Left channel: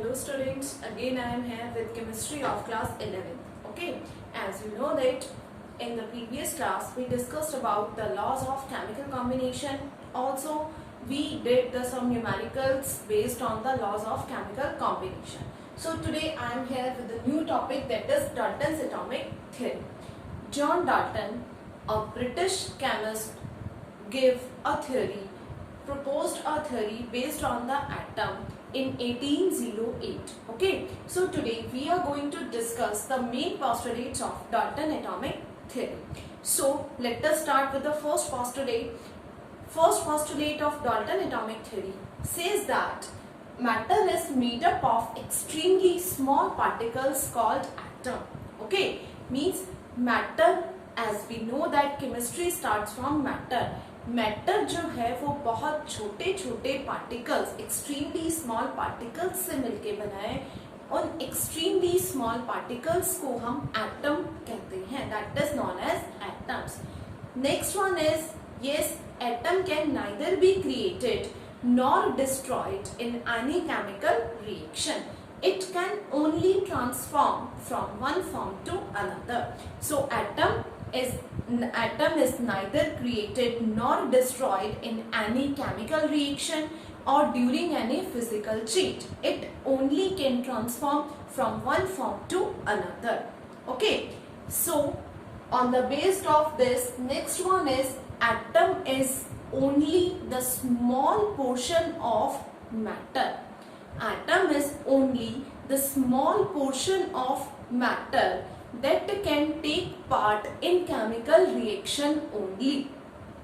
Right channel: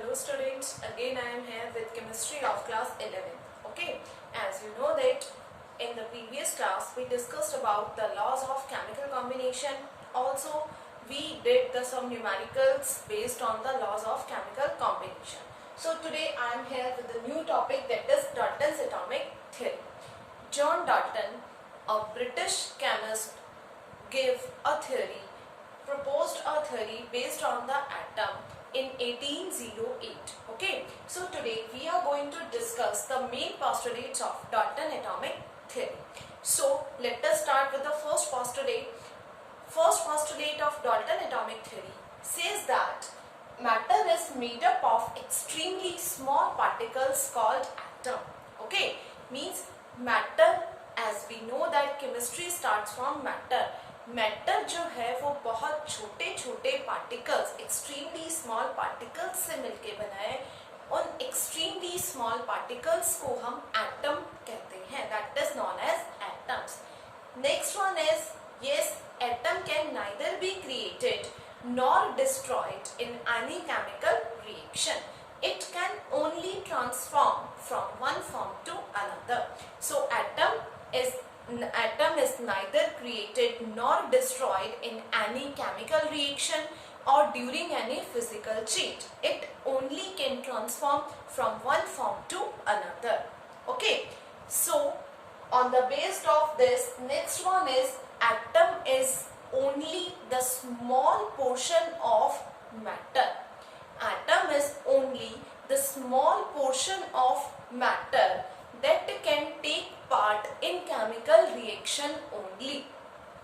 Hello students, again I am here with chemistry of class 11. Okay, as you know that in the previous class we discussed about the laws of chemical combination. Also we did some numericals based on the laws of chemical combination. So today I am here with a new topic, that is Dalton's atomic theory. John Dalton, a British chemist, proposed a theory based on the atom in 1808. Okay, so today we are going to discuss the main postulates of Dalton atomic theory. So let us start with the first postulate. First postulate of Dalton atomic theory says that matter is made up of extremely small particles called atom. Okay, means matter, as we know that chemistry starts from matter. Matter जो है वो बहुत छोटे छोटे particles, extremely small particles से मिलके बना है. उन एक्सट्रीमली स्मॉल पार्टिकल्स को हम एटम कहते हैं, that is known as atoms. Next one is, yes, atom can neither be created nor destroyed in any chemical reaction. It can only transform from one form to another. So atom is neither created nor destroyed in any chemical reaction or during any physical change. It only can transform from one form to another. Okay, so on the basis of this, next one is, atom is only the small portion of matter. Atom is only the small portion of matter that can take part in chemical reaction only.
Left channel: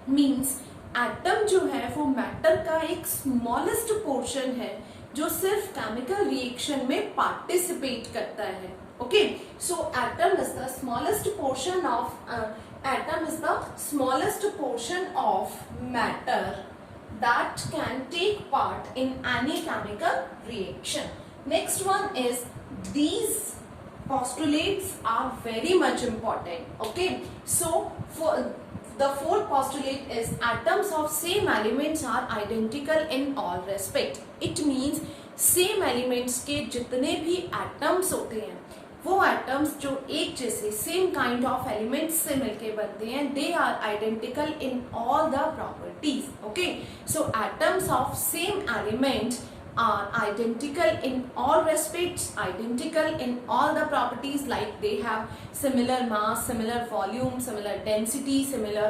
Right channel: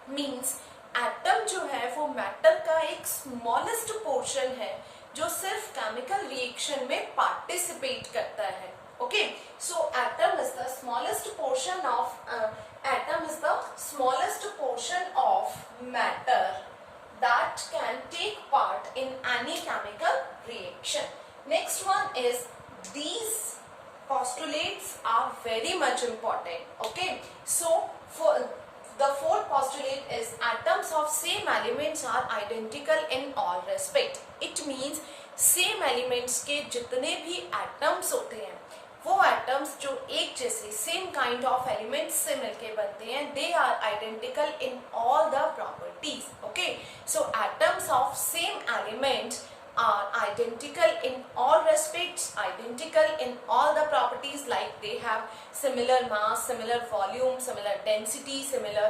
Means atom जो है वो matter का एक smallest portion है जो सिर्फ chemical reaction में participate करता है. Okay, so atom is the smallest portion of matter that can take part in any chemical reaction. Next one is, these postulates are very much important. Okay, so for the fourth postulate is, atoms of same elements are identical in all respect. It means same elements के जितने भी atoms होते हैं वो एटम्स जो एक जैसे same kind of elements से मिलके बनते हैं, they are identical in all the properties. Okay, so atoms of same elements are identical in all respects, identical in all the properties, like they have similar mass, similar volume, similar density, similar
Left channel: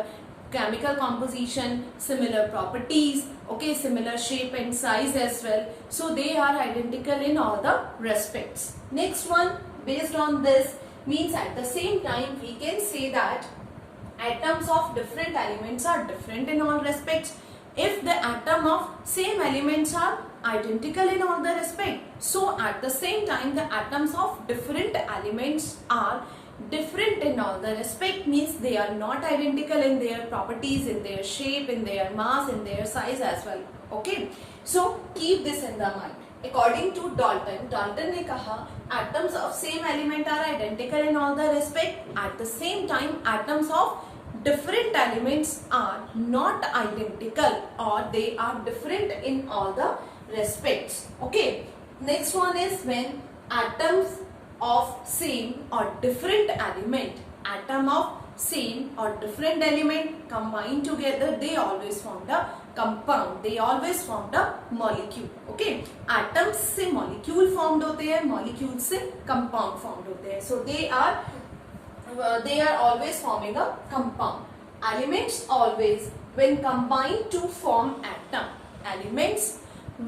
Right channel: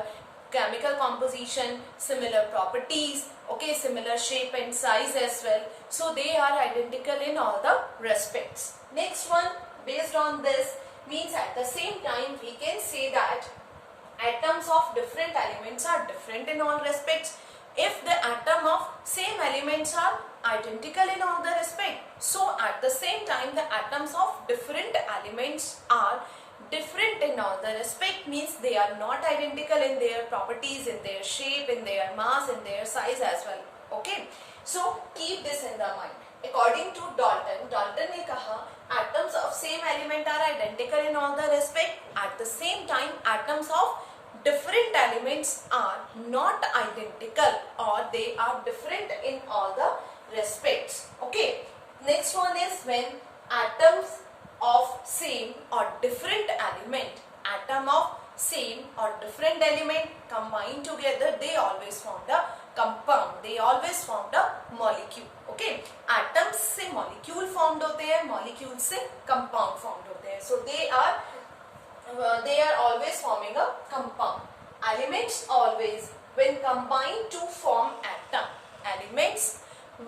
chemical composition, similar properties, okay, similar shape and size as well. So they are identical in all the respects. Next one, based on this, means at the same time we can say that atoms of different elements are different in all respects. If the atom of same elements are identical in all the respect, so at the same time the atoms of different elements are different in all the respect, means they are not identical in their properties, in their shape, in their mass, in their size as well. Okay, so keep this in the mind. According to Dalton ने कहा atoms of same element are identical in all the respect. At the same time atoms of different elements are not identical, or they are different in all the respects. Okay, next one is, when atoms of same or different element, atom of same or different element combine together, they always form the compound, they always form the molecule. Okay, atoms से molecule formed होते हैं, molecule से compound formed होते हैं, so they are always forming a compound. Elements always, when combined to form atom, elements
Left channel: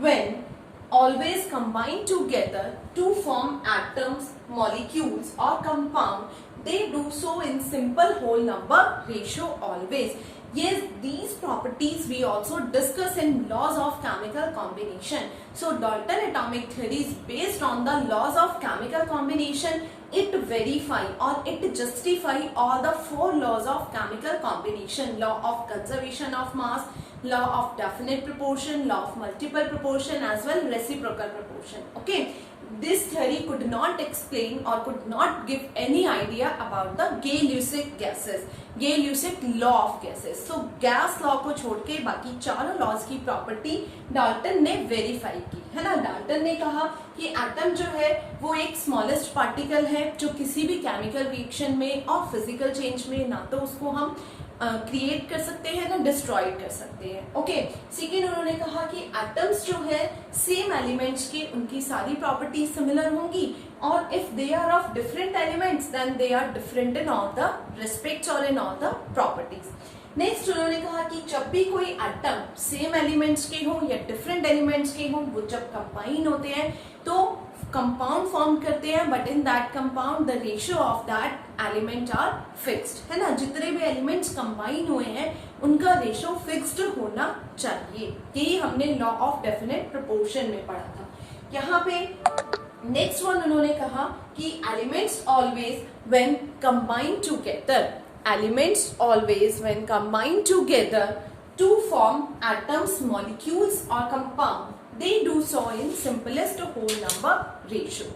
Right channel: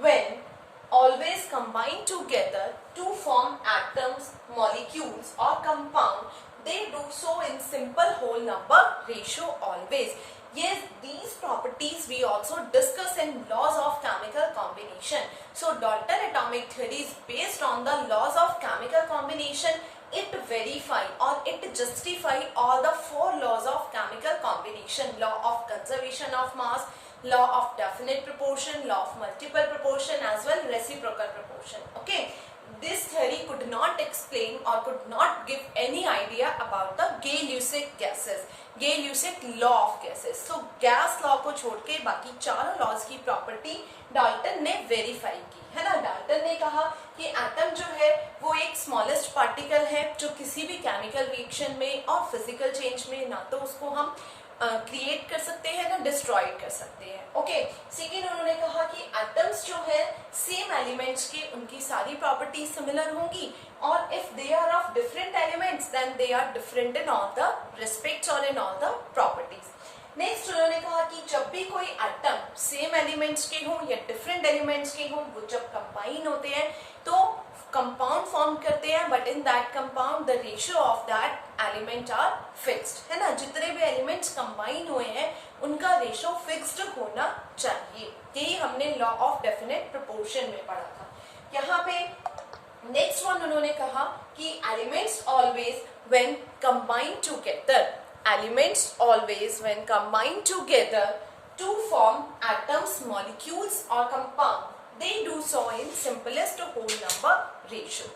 when always combine together to form atoms, molecules or compound, they do so in simple whole number ratio always. Yes, these properties we also discuss in laws of chemical combination. So Dalton atomic theory is based on the laws of chemical combination. It verify or it justify all the four laws of chemical combination: law of conservation of mass, law of definite proportion, law of multiple proportion, as well reciprocal proportion. Okay, this theory could not explain or could not give any idea about the Gay-Lussac gases, Gay-Lussac law of gases. So gas law को छोड़ के बाकी चारों लॉज की property Dalton ने वेरीफाई की है ना. डाल्टन ने कहा कि एटम जो है वो एक स्मॉलेस्ट पार्टिकल है जो किसी भी केमिकल रिएक्शन में और फिजिकल चेंज में ना तो उसको हम क्रिएट कर सकते हैं ना डिस्ट्रॉय कर सकते हैं. ओके. सेकेंड उन्होंने कहा कि एटम्स जो है सेम एलिमेंट्स की उनकी सारी प्रॉपर्टीज सिमिलर होंगी और if they are of different elements then they are different in all the respects और in all the properties. Next उन्होंने कहा कि जब भी कोई एटम सेम एलिमेंट्स के हों या डिफरेंट एलिमेंट्स के हों वो जब कंबाइन होते हैं तो कंपाउंड फॉर्म करते हैं but in that compound the ratio of that element are fixed है ना. जितने भी एलिमेंट्स कंबाइन हुए हैं उनका रेशियो फिक्स्ड होना चाहिए. यही हमने लॉ ऑफ डेफिनेट प्रोपोर्शन में पढ़ा था. यहाँ पे नेक्स्ट वन उन्होंने कहा कि elements always when combine together, elements always when combined together to form atoms, molecules or compound, they do so in simplest whole number ratio.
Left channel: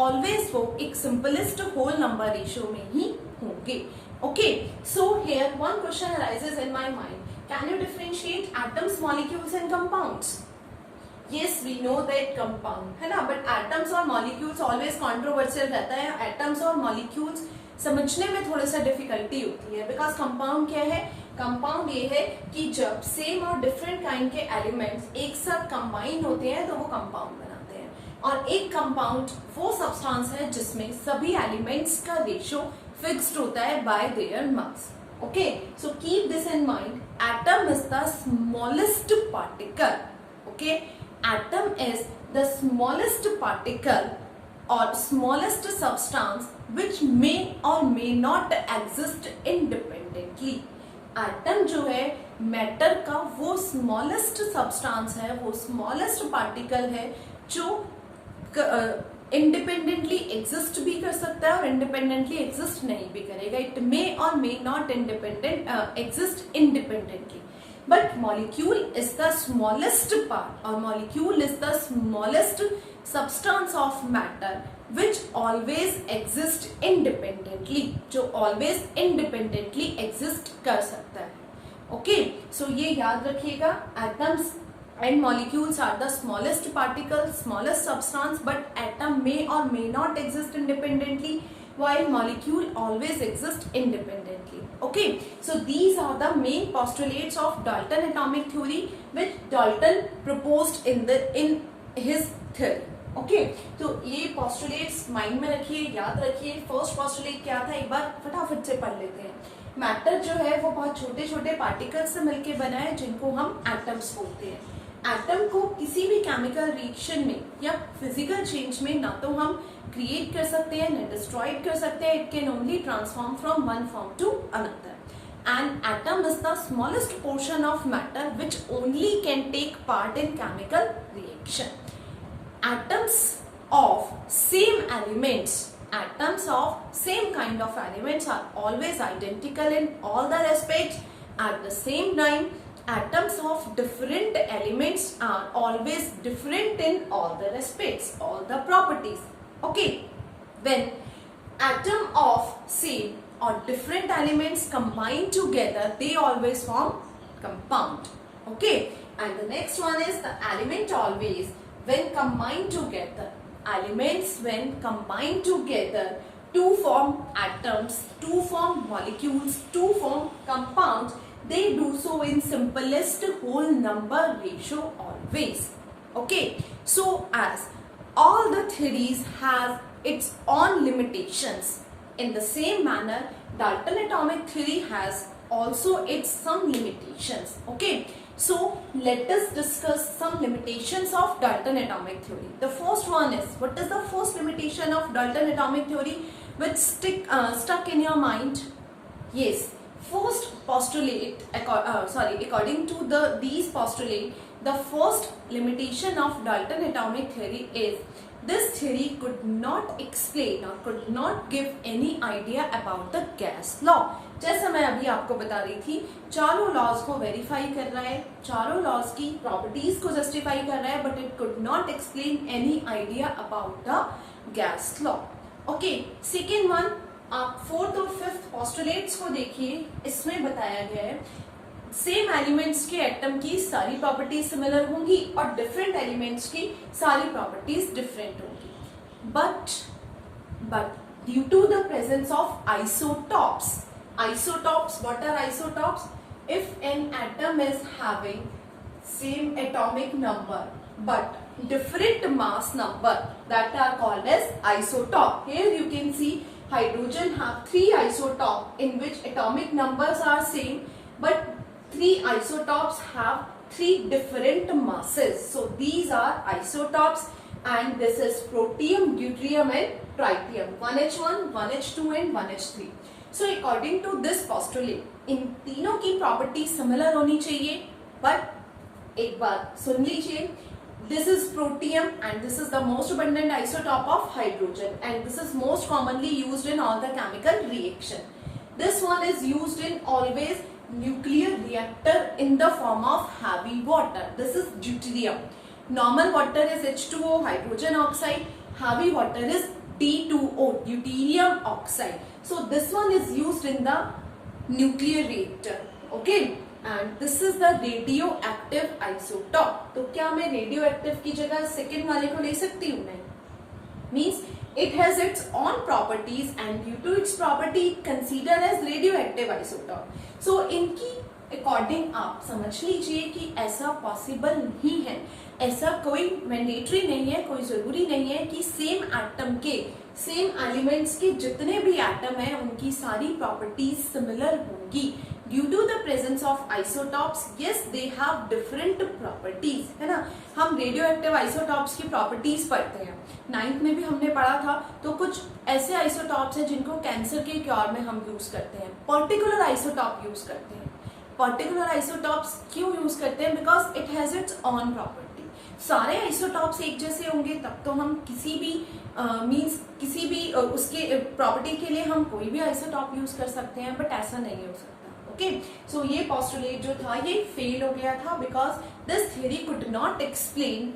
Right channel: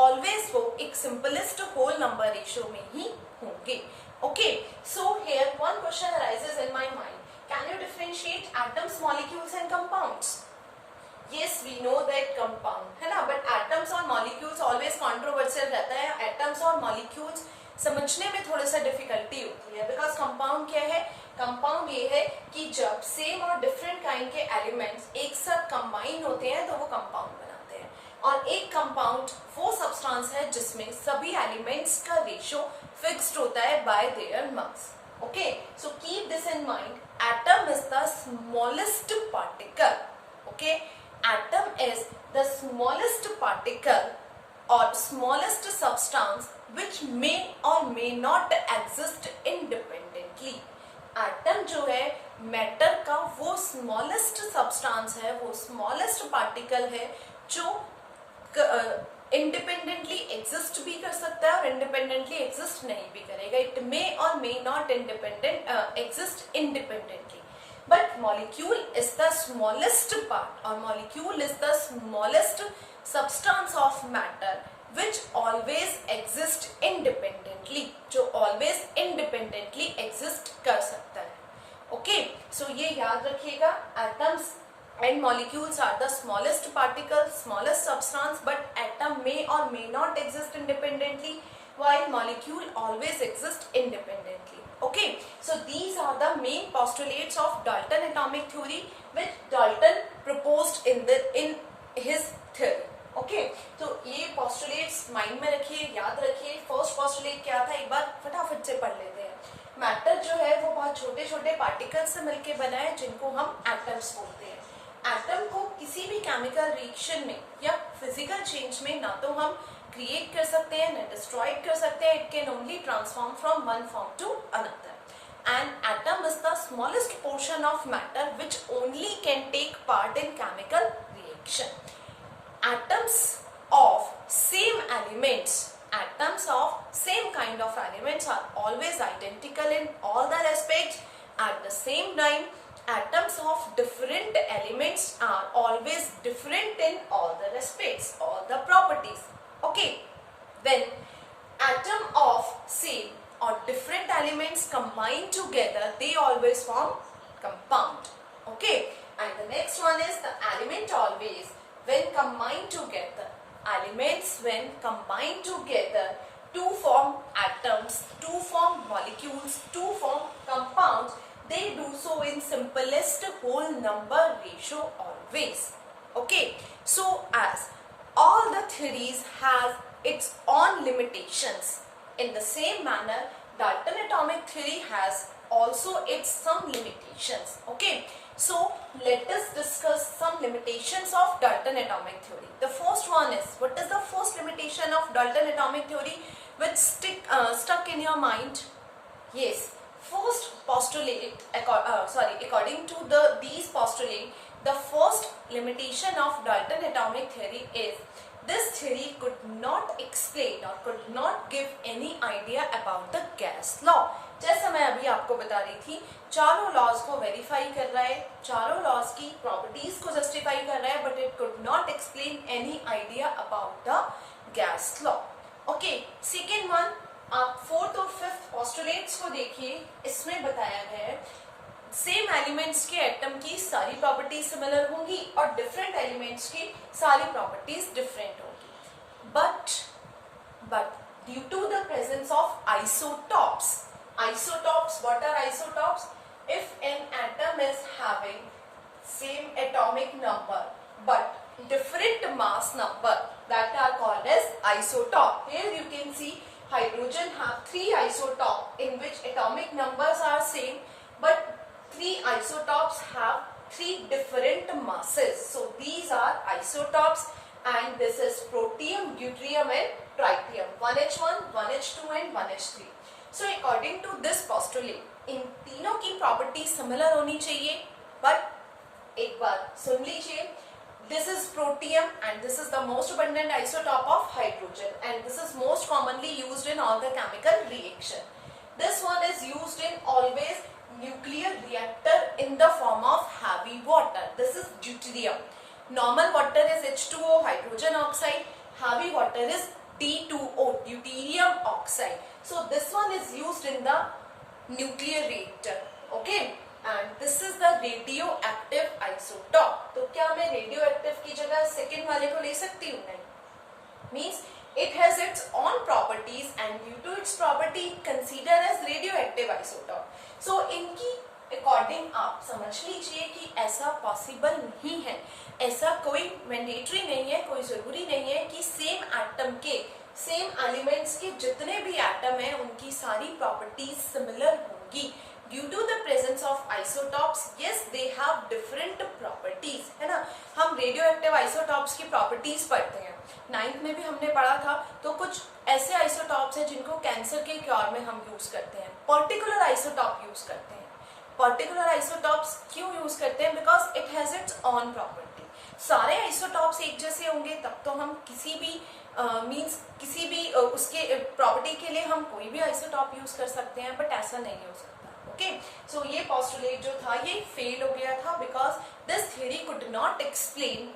Always वो एक simplest whole number ratio में ही होंगे. Okay, so here one question arises in my mind. Can you differentiate atoms, molecules and compounds? Yes, we know that compound है ना, but atoms और molecules always controversial रहता है. atoms और molecules समझने में थोड़ा सा डिफिकल्टी होती है बिकॉज कंपाउंड क्या है. कंपाउंड ये है कि जब सेम और डिफरेंट काइंड के एलिमेंट्स एक साथ कंबाइन होते हैं तो वो कंपाउंड बनाते हैं. और एक कंपाउंड वो सब्सटेंस है जिसमें सभी एलिमेंट्स का रेशियो फिक्स्ड होता है bye their mass. Okay, so keep this in mind. Atom is the smallest particle. Okay, atom is the smallest particle or smallest substance which may or may not exist independently. Atom जो है मैटर का वो smallest substance है, वो smallest particle है जो independently exist भी कर सकता है और इंडिपेंडेंटली एग्जिस्ट नहीं भी करेगा. इट मे और may not independent exist independently. But molecule is the smallest part or molecule is the smallest substance of matter which always exist independently, जो always independently exist कर सकता है. Okay, so ये याद रखिएगा. Atoms and molecules are the smallest particle, smallest substance, but atom may or may not exist independently while molecule always exist independently. Okay, so these are the main postulates of Dalton atomic theory which Dalton proposed in his theory. Okay, तो ये postulates mind में रखिए, याद रखिए. First postulate क्या था एक बार फटाफट से पढ़ लेते हैं. मैटर जो है वो बहुत छोटे छोटे पार्टिकल्स से मिलके बना है जिनको हम एटम्स बोलते हैं. एटम को किसी भी केमिकल रिएक्शन में या फिजिकल चेंज में ना तो हम क्रिएट कर सकते हैं ना डिस्ट्रॉय कर सकते हैं. It can only transform from one form to another. And atom is the smallest portion of matter which only can take part in chemical reaction. Atoms of same elements, atoms of same kind of elements are always identical in all the respects. At the same time, atoms of different elements are always different in all the respects, all the properties. Okay, when atom of same or different elements combined together, they always form compound. Okay, and the next one is the element always when combined together. Elements when combined together to form atoms, to form molecules, to form compounds, they do so in simplest whole number ratio always. Okay, so as all the theories have its own limitations, in the same manner, Dalton atomic theory has also its some limitations. Okay, so let us discuss some limitations of Dalton atomic theory. The first one is, what is the first limitation of Dalton atomic theory which stuck in your mind? Yes, first postulate, according to these postulate, the first limitation of Dalton atomic theory is this theory could not explain or could not give any idea about the gas law. जैसा मैं अभी आपको बता रही थी, चारों लॉज को वेरीफाई कर रहा है, चारों लॉज की प्रॉपर्टीज को जस्टिफाई कर रहा है, but it could not explain any idea about the gas law. Okay, second one, आप फोर्थ और फिफ्थ पोस्टुलेट्स को देखिए, इसमें बताया गया है सेम एलिमेंट्स के एटम की सारी प्रॉपर्टीज सिमिलर होंगी और डिफरेंट एलिमेंट्स की सारी प्रॉपर्टीज डिफरेंट होंगी, but due to the presence of isotopes, what are isotopes? If an atom is having same atomic number but different mass number, that are called as isotope. Here you can see hydrogen have 3 isotopes in which atomic numbers are same, but 3 isotopes have 3 different masses. So these are isotopes, and this is protium, deuterium and tritium, 1h1, 1h2 and 1h3. So according to this postulate, इन तीनों की property similar होनी चाहिए, बट एक बार सुन लीजिए, this is protium and this is the most abundant isotope of hydrogen, and this is most commonly used in all the chemical reaction. This one is used in always nuclear reactor in the form of heavy water. This is deuterium. Normal water is H2O, hydrogen oxide. Heavy water is D2O, deuterium oxide. So this one is used in the nuclear reactor. Okay, and this is the radioactive isotope. तो क्या मैं radioactive की जगह सेकेंड वाले को ले सकती हूँ? नहीं. Means it has its own properties, and due to its property considered as radioactive isotope. So इनकी अकॉर्डिंग आप समझ लीजिए कि ऐसा पॉसिबल नहीं है, ऐसा कोई मैंडेटरी नहीं है, कोई जरूरी नहीं है कि सेम एटम के, सेम एलिमेंट्स के जितने भी एटम हैं उनकी सारी प्रॉपर्टीज सिमिलर होंगी। Due to the presence of isotopes, yes they have different properties, है ना। हम रेडियो एक्टिव आइसोटॉप्स की प्रॉपर्टीज पढ़ते हैं, 9th में भी हमने पढ़ा था। तो कुछ ऐसे आइसोटॉप्स हैं जिनको कैंसर के क्योर में हम यूज करते हैं, पर्टिकुलर आइसोटॉप यूज करते हैं। पर्टिकुलर आइसोटॉप्स क्यों यूज करते हैं? Because it has its on property. सारे आइसोटॉप्स एक जैसे होंगे तब तो हम किसी भी मींस किसी भी उसके प्रॉपर्टी के लिए हम कोई भी आइसोटॉप यूज कर सकते हैं, बट ऐसा नहीं हो सकता। ओके, सो ये पोस्टुलेट जो था ये फेल हो गया था, because this theory could not explain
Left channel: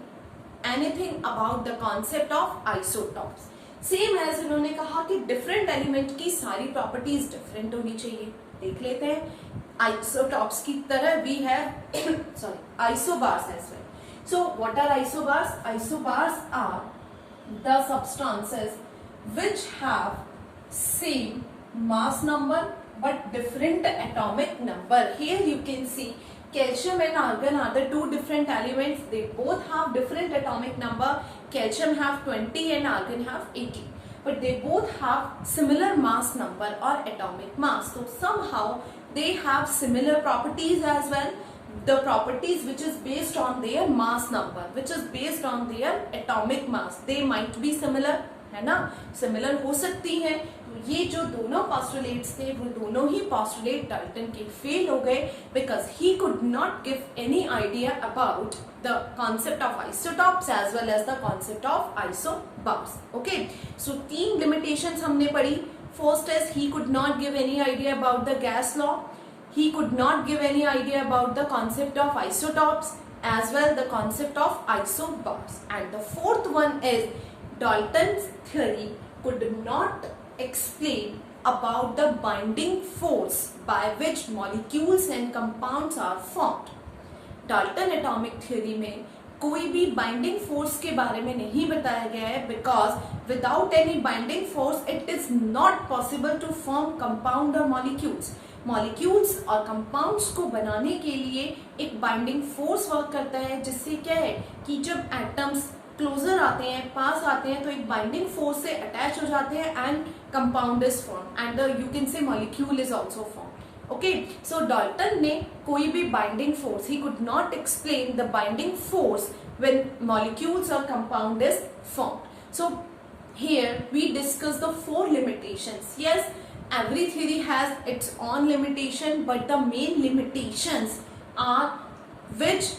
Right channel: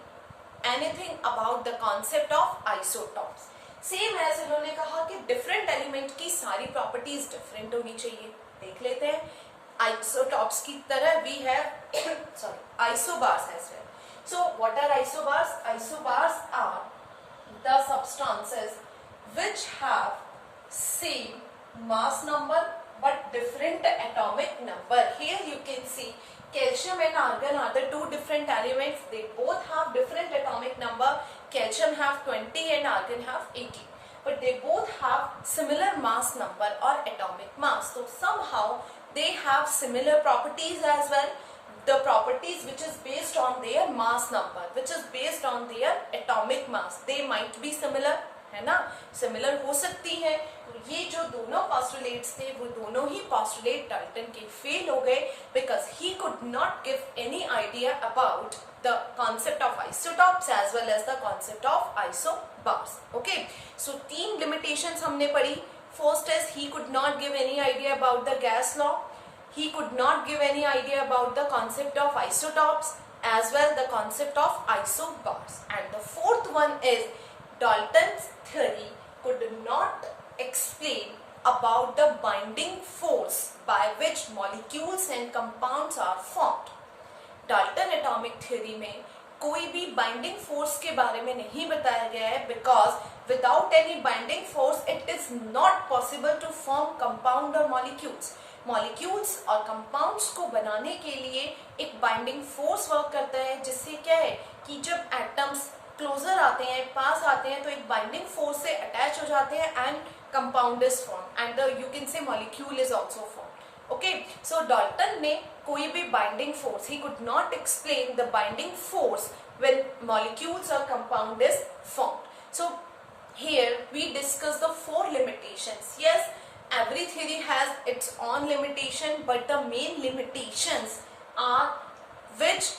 anything about the concept of isotopes. Same as उन्होंने कहा कि डिफरेंट एलिमेंट की सारी प्रॉपर्टीज डिफरेंट होनी चाहिए। देख लेते हैं, आइसोटॉप्स की तरह we have isobars as well. So what are isobars? Isobars are the substances which have same mass number but different atomic number. Here you can see calcium and argon are the two different elements. They both have different atomic number. Calcium have 20 and argon have 80. But they both have similar mass number or atomic mass. So somehow they have similar properties as well. The properties which is based on their mass number, which is based on their atomic mass, they might be similar, है ना, सिमिलर हो सकती है। तो ये जो दोनों पोस्टुलेट्स थे वो दोनों ही पोस्टुलेट डाल्टन के फेल हो गए, because he could not give any idea about the concept of isotopes as well as the concept of isobars. Okay, so 3 limitations हमने पढ़ी। First is he could not give any idea about the gas law, he could not give any idea about the concept of isotopes as well the concept of isobars. And the fourth one is Dalton's theory could not explain about the binding force by which molecules and compounds are formed. Dalton atomic theory में कोई भी binding force के बारे में नहीं बताया गया है, because without any binding force it is not possible to form compound और मॉलिक्यूल्स। मॉलिक्यूल्स और कंपाउंड्स को बनाने के लिए एक बाइंडिंग फोर्स वर्क करता है, जिससे क्या है कि जब एटम्स क्लोजर आते हैं, पास आते हैं, तो एक बाइंडिंग फोर्स से अटैच हो जाते हैं and compound is form and you can say molecule is also form. Okay, so Dalton ने कोई भी binding force, he could not explain the binding force when molecules और compound is formed. So here we discuss the 4 limitations. Yes, every theory has its own limitation, but the main limitations are which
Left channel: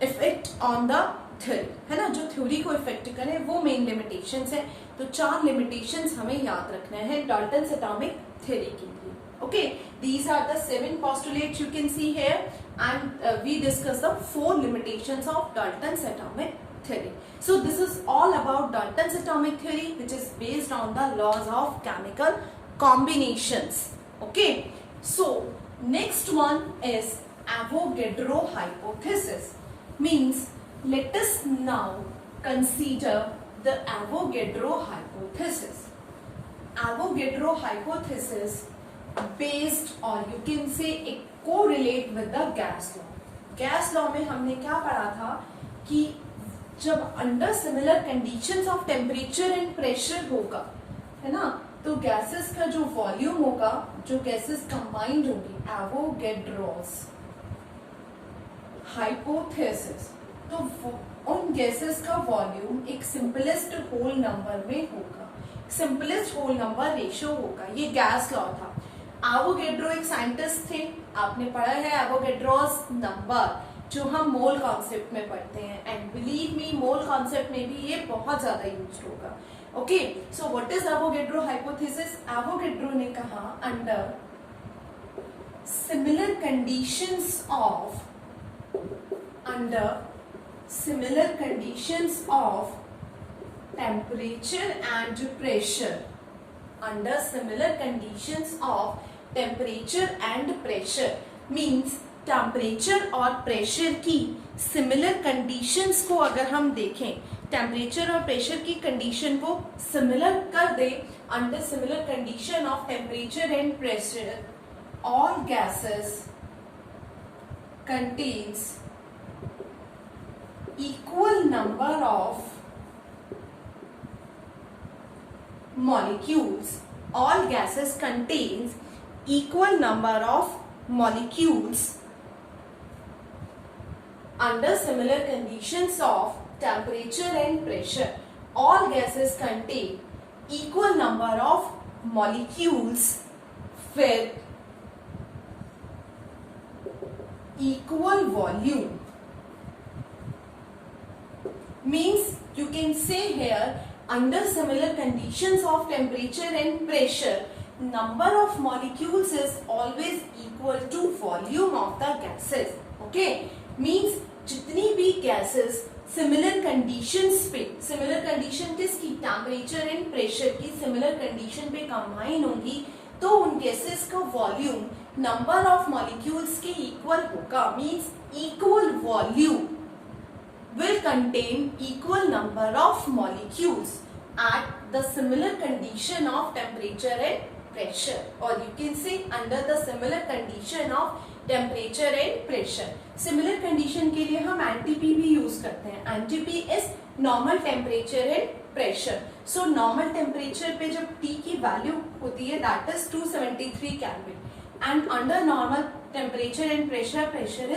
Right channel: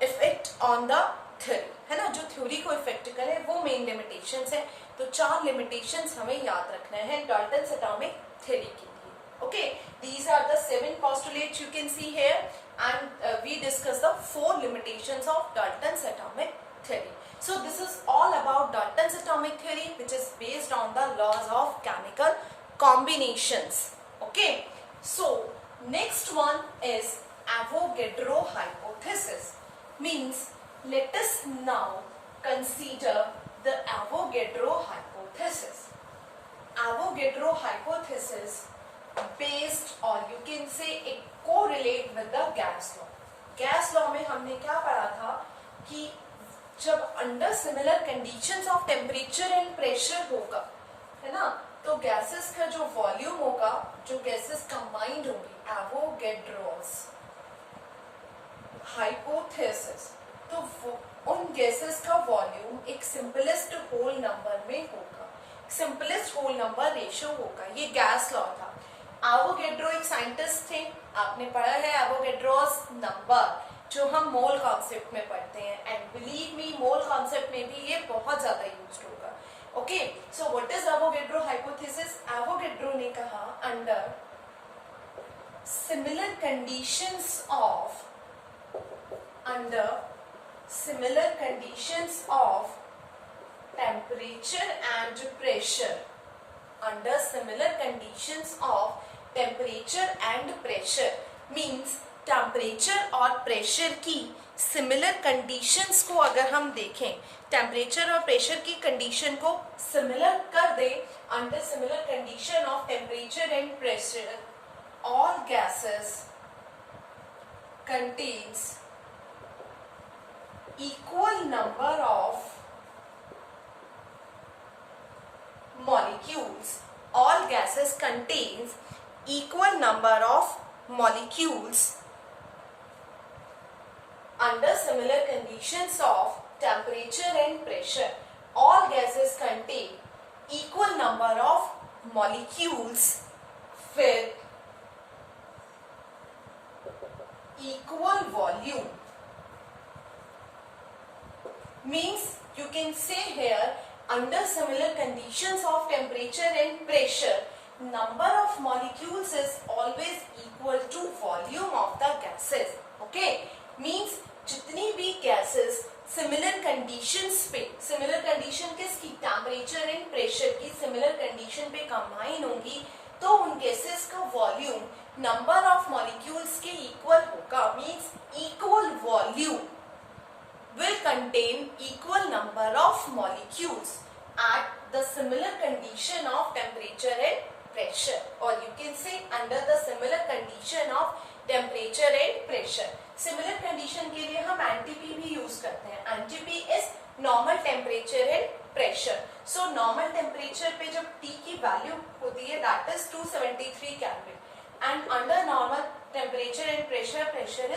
affect on the theory, है ना, जो थ्योरी को इफेक्ट करे वो main limitations है। तो 4 लिमिटेशंस हमें याद रखना है डाल्टन्स एटॉमिक थ्योरी के लिए। Okay, these are the 7 postulates you can see here, and we discuss the 4 limitations of Dalton's atomic theory. So this is all about Dalton's atomic theory, which is based on the laws of chemical combinations. Okay, so next one is Avogadro hypothesis. Means let us now consider the Avogadro hypothesis. Avogadro hypothesis based, or you can say it correlate with the gas law. Gas law में हमने क्या पढ़ा था कि जब under similar conditions of temperature and pressure होगा, है ना, तो गैसेस का जो वॉल्यूम होगा, जो गैसेस कंबाइंड होंगी, एवोगैड्रोस हाइपोथेसिस, तो उन गैसेस का वॉल्यूम एक सिंपलेस्ट होल नंबर में होगा, सिंपलेस्ट होल नंबर रेशियो होगा. ये गैस लॉ था. एवोगैड्रो एक साइंटिस्ट थे, आपने पढ़ा है एवोगैड्रोस नंबर, जो हम मोल कॉन्सेप्ट में पढ़ते हैं, and believe me mole concept में भी ये बहुत ज्यादा यूज होगा. Okay, so what is Avogadro hypothesis? Avogadro ने कहा under similar conditions of temperature and pressure, under similar conditions of temperature and pressure means temperature और प्रेशर की सिमिलर कंडीशंस को अगर हम देखें, टेम्परेचर और प्रेशर की कंडीशन को सिमिलर कर दे, under similar condition of temperature and pressure all gases contains equal number of molecules. All gases contains equal number of molecules under similar conditions of temperature and pressure. All gases contain equal number of molecules with equal volume. Means you can say here under similar conditions of temperature and pressure, number of molecules is always equal to volume of the gases. Okay, means जितनी भी gases similar conditions पे, similar condition किसकी, temperature and pressure की similar condition पे combine होंगी, तो उन gases का volume number of molecules के equal होगा. Means equal volume will contain equal number of molecules at the similar condition of temperature and pressure, or you can say under the similar condition of temperature and pressure. Similar condition के लिए हम NTP भी यूज करते हैं. NTP is normal temperature and pressure. So normal temperature पे जब T की वैल्यू होती है that is 273 Kelvin, and under normal temperature and pressure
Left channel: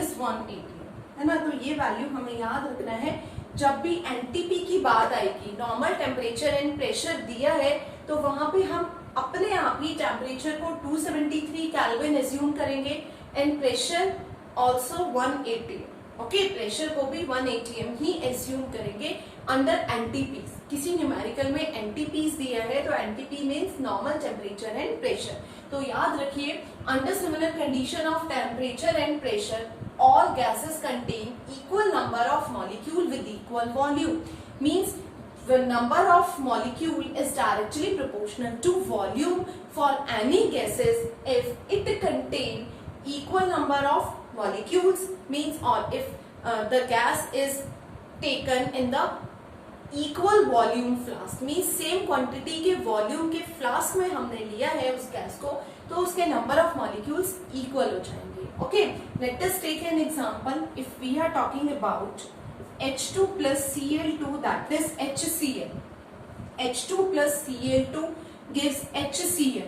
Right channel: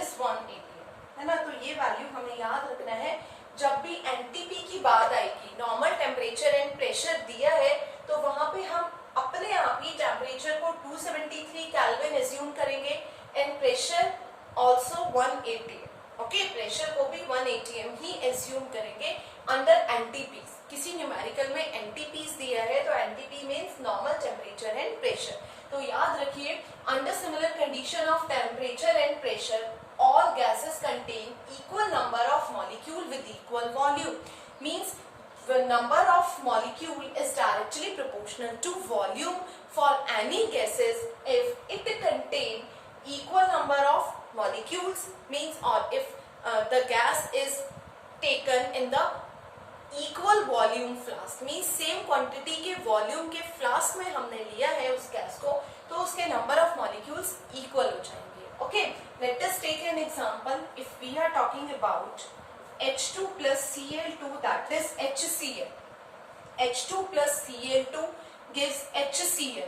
is 180, है ना. तो ये वैल्यू हमें याद रखना है. जब भी एनटीपी की बात आएगी, नॉर्मल टेम्परेचर एंड प्रेशर दिया है, तो वहां पे हम अपने आप ही टेम्परेचर को 273 केल्विन एज्यूम करेंगे and pressure also 180. Okay, pressure को भी 180 ही एज्यूम करेंगे अंडर एनटीपीज. किसी न्यूमेरिकल में एनटीपीज दिया है तो NTP means normal temperature and pressure. तो याद रखिए under similar condition of temperature and pressure all gases contain equal number of molecule with equal volume. Means the number of molecule is directly proportional to volume for any gases if it contain equal number of molecules. Means, or if the gas is taken in the equal volume flask, means same quantity के volume के flask में हमने लिया है उस गैस को, तो उसके number of molecules equal हो जाएंगे. Okay, let us take an example. If we are talking about H2 plus Cl2, that is HCl. H2 plus Cl2 gives HCl.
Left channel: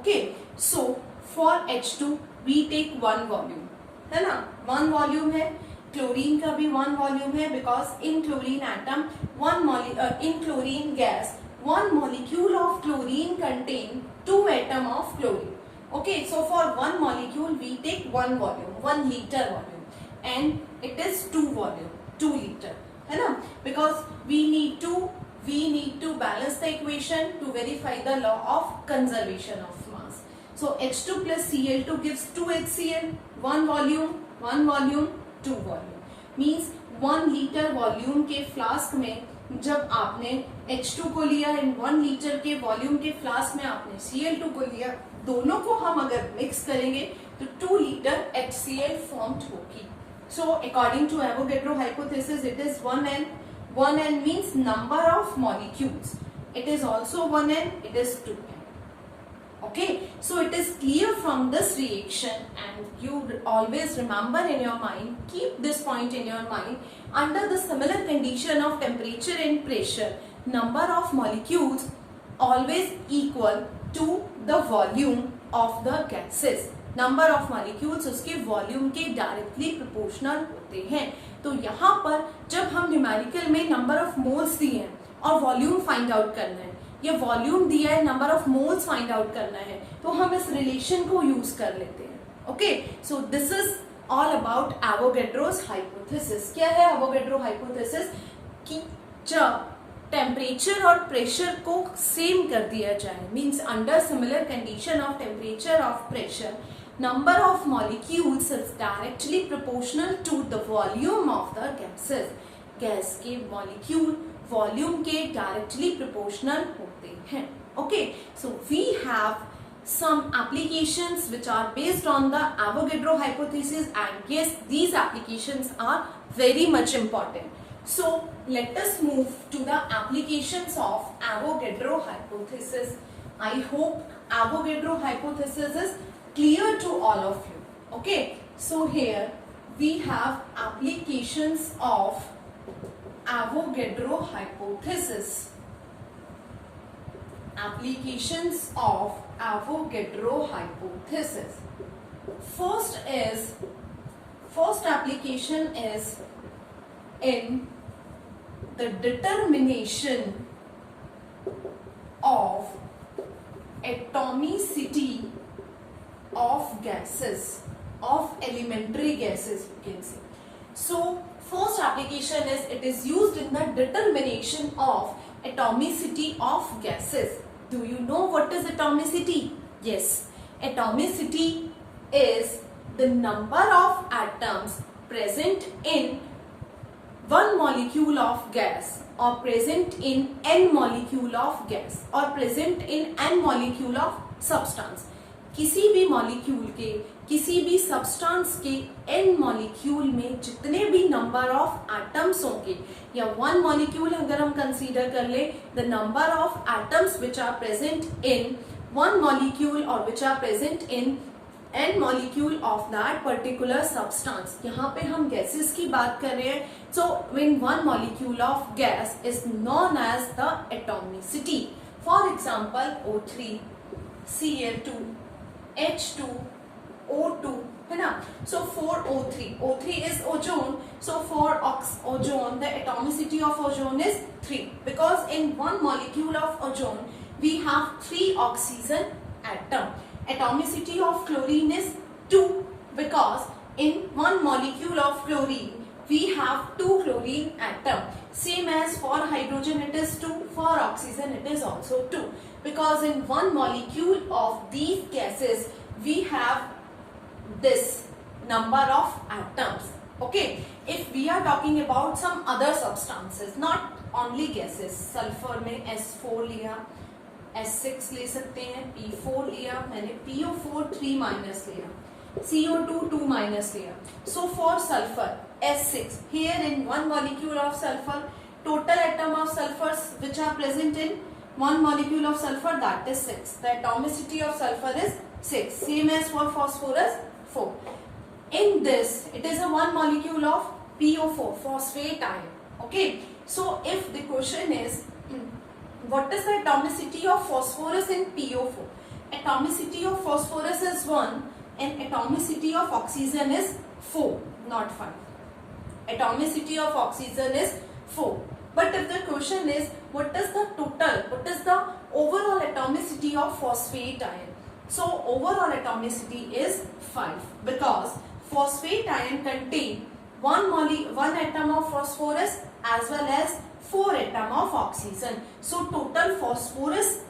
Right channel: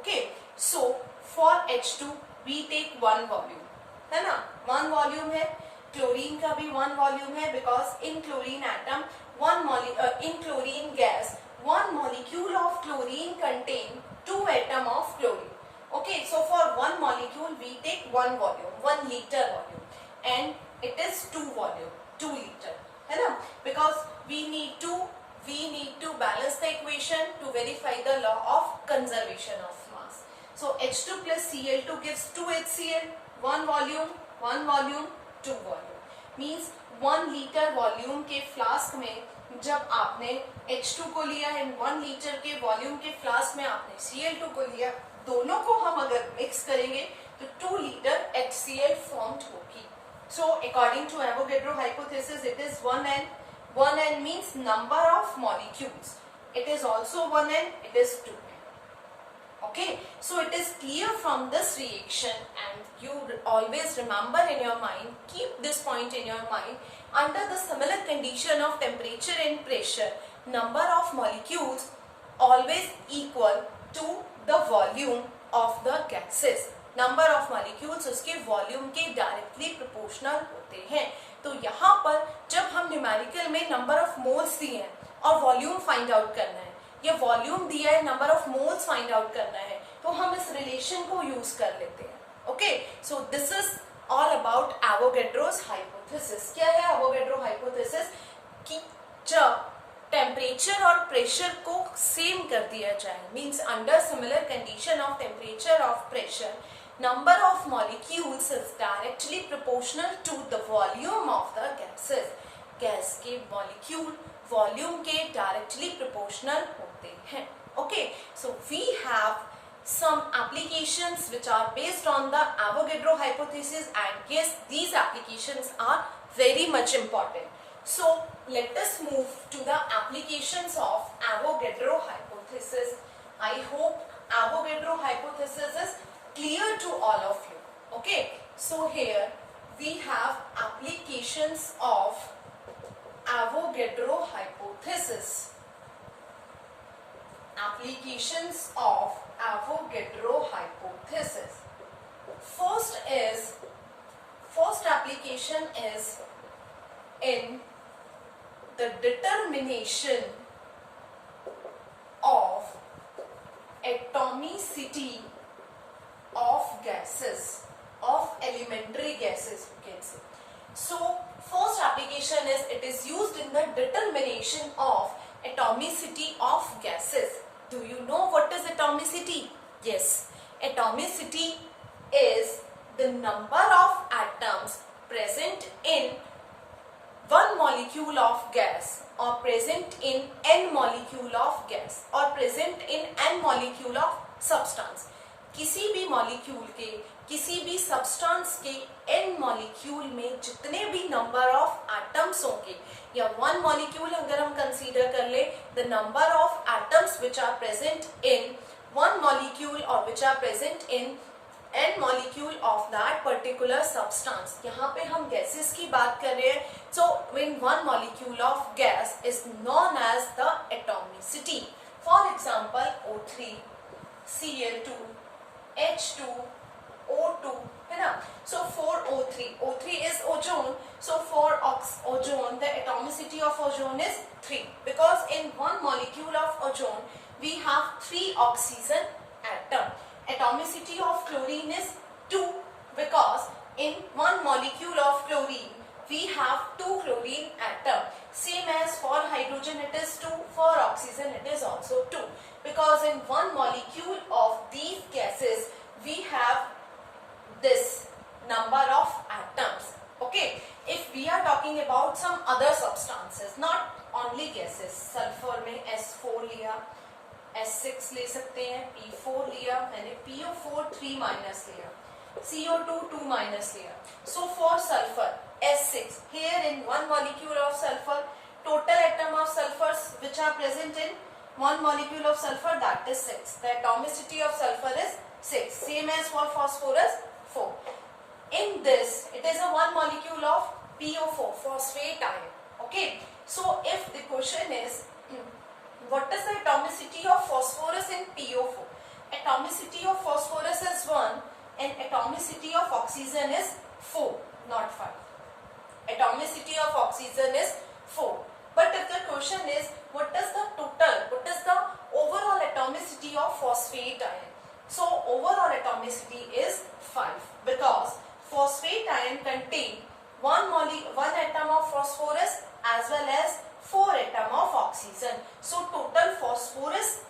Okay, so for H2 we take one volume, है ना, one volume है. क्लोरीन का भी one volume है, because in chlorine atom in chlorine gas one molecule of chlorine contain 2 atom of chlorine. Okay, so for one molecule we take one volume, 1 liter volume, and it is 2 volume, 2 liter, है ना, because we need to balance the equation to verify the law of conservation of mass. So H2 plus Cl2 gives 2 HCl, one volume, 2 volume. Means 1 liter volume के फ्लास्क में जब आपने H2 को लिया एंड 1 लीटर के वॉल्यूम के फ्लास्क में आपने Cl2 को लिया, दोनों को हम अगर मिक्स करेंगे तो 2 लीटर HCl फॉर्म्ड होगी. So according to Avogadro hypothesis, it is 1n. 1n means number of molecules. It is also 1n. It is 2n. Okay, so it is clear from this reaction, and you always remember in your mind, keep this point in your mind, under the similar condition of temperature and pressure, number of molecules always equal to the volume of the gases. Number of molecules उसके वॉल्यूम के directly proportional होते हैं. तो यहाँ पर जब हम न्यूमेरिकल में नंबर ऑफ मोल्स दिए हैं और वॉल्यूम फाइंड आउट करना है, या वॉल्यूम दिया है number of moles find out करना है, तो हम इस रिलेशन को यूज कर लेते हैं. Okay, so this is all about Avogadro's hypothesis. क्या है एवोगैड्रो हाइपोथेसिस? कि जब टेम्परेचर और प्रेशर को सेम कर दिया जाए, means under similar condition of temperature of pressure, number of molecules is directly proportional to the volume of the gases. गैस के मॉलिक्यूल वॉल्यूम के डायरेक्टली प्रोपोर्शनल होते हैं. Okay, so we have some applications which are based on the Avogadro hypothesis, and yes, these applications are very much important. So let us move to the applications of Avogadro hypothesis. I hope Avogadro hypothesis is clear to all of you. Okay, so here we have applications of Avogadro hypothesis. Applications of Avogadro hypothesis. First application is in the determination of atomicity of gases, of elementary gases, you can say. So first application is, it is used in the determination of atomicity of gases. Do you know what is atomicity? Yes, atomicity is the number of atoms present in one molecule of gas, or present in n molecule of gas, or present in n molecule of substance. किसी भी मॉलिक्यूल के, किसी भी सब्सटेंस के n molecule में जितने भी number of atoms होंगे, या वन मॉलिक्यूल अगर हम कंसीडर कर ले, the number of atoms which are present in one molecule और which are present in n molecule of that particular substance. यहाँ पे हम गैसेस की बात कर रहे हैं. So when one molecule of gas is known as the atomicity. For example O3, Cl2, H2, O2, है ना. So for O3 is ozone. So for ozone, the atomicity of ozone is 3, because in one molecule of ozone we have 3 oxygen atom. Atomicity of chlorine is 2, because in one molecule of chlorine we have 2 chlorine atom. Same as for hydrogen it is 2, for oxygen it is also 2, because in one molecule of these gases we have this number of atoms. Okay, if we are talking about some other substances, not only gases, sulfur में S4 लिया, S6 ले सकते हैं, P4 लिया, मैंने PO4 3 माइनस लिया, CO2 2 माइनस लिया. So for sulfur S6, here in one molecule of sulfur, total atom of sulfurs which are present in one molecule of sulfur, that is 6. The atomicity of sulfur is 6. Same as for phosphorus, 4. In this, it is a one molecule of PO4, phosphate ion. Okay. So if the question is, what is the atomicity of phosphorus in PO4? Atomicity of phosphorus is 1 and atomicity of oxygen is 4, not 5. Atomicity of oxygen is 4. But if the question is, what is the total, what is the overall atomicity of phosphate ion? So overall atomicity is 5, because phosphate ion contain one atom of phosphorus as well as 4 atom of oxygen. So total phosphorus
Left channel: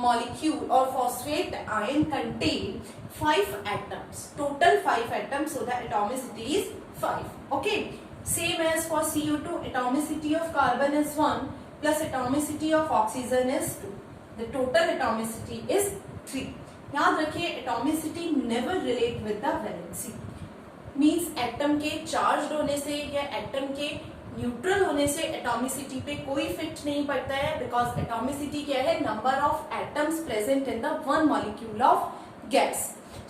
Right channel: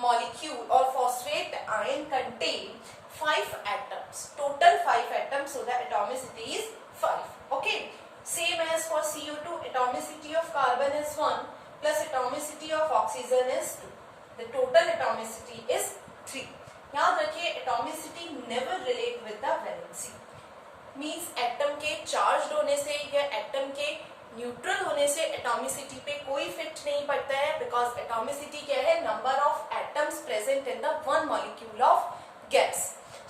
molecule or phosphate ion contain 5 atoms, total 5 atoms, so the atomicity is 5. Okay, same as for CO2, atomicity of carbon is 1 plus atomicity of oxygen is 2. The total atomicity is 3. याद रखिए atomicity never relate with the valency, means atom के चार्ज होने से या एटम के न्यूट्रल होने से एटॉमिसिटी पे कोई इफेक्ट नहीं पड़ता है, बिकॉज एटॉमिसिटी क्या है, number of atoms present in the one molecule of gas.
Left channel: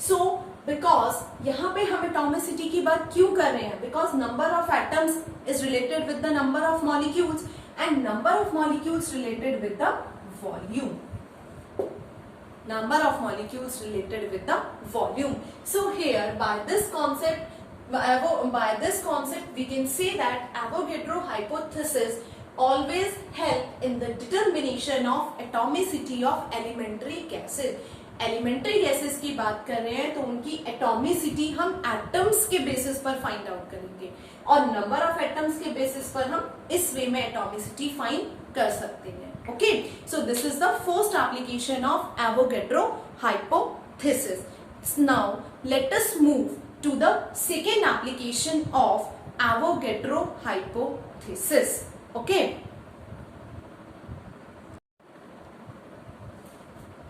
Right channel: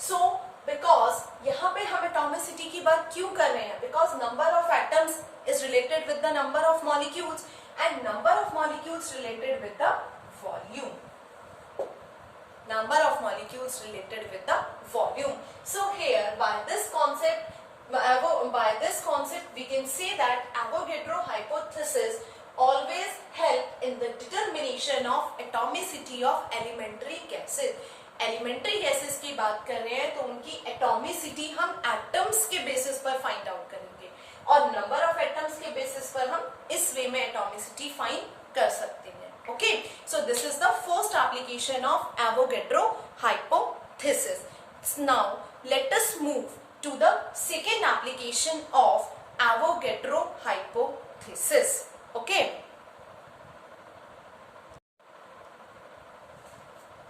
So because यहाँ पे हम एटॉमिसिटी की बात क्यों कर रहे हैं, because number of atoms is related with the number of molecules and number of molecules related with the volume. Number of molecules related with the volume. So here by this concept we can say that Avogadro hypothesis always help in the determination of atomicity of elementary gases. Elementary gases की बात कर रहे हैं तो उनकी एटॉमिसिटी हम एटम्स के बेसिस पर फाइंड आउट करेंगे और नंबर ऑफ एटम्स के बेसिस पर हम इस वे में एटॉमिसिटी फाइंड कर सकते हैं. Okay, so this is the first application of Avogadro hypothesis. Now let us move to the second application of Avogadro hypothesis. Okay,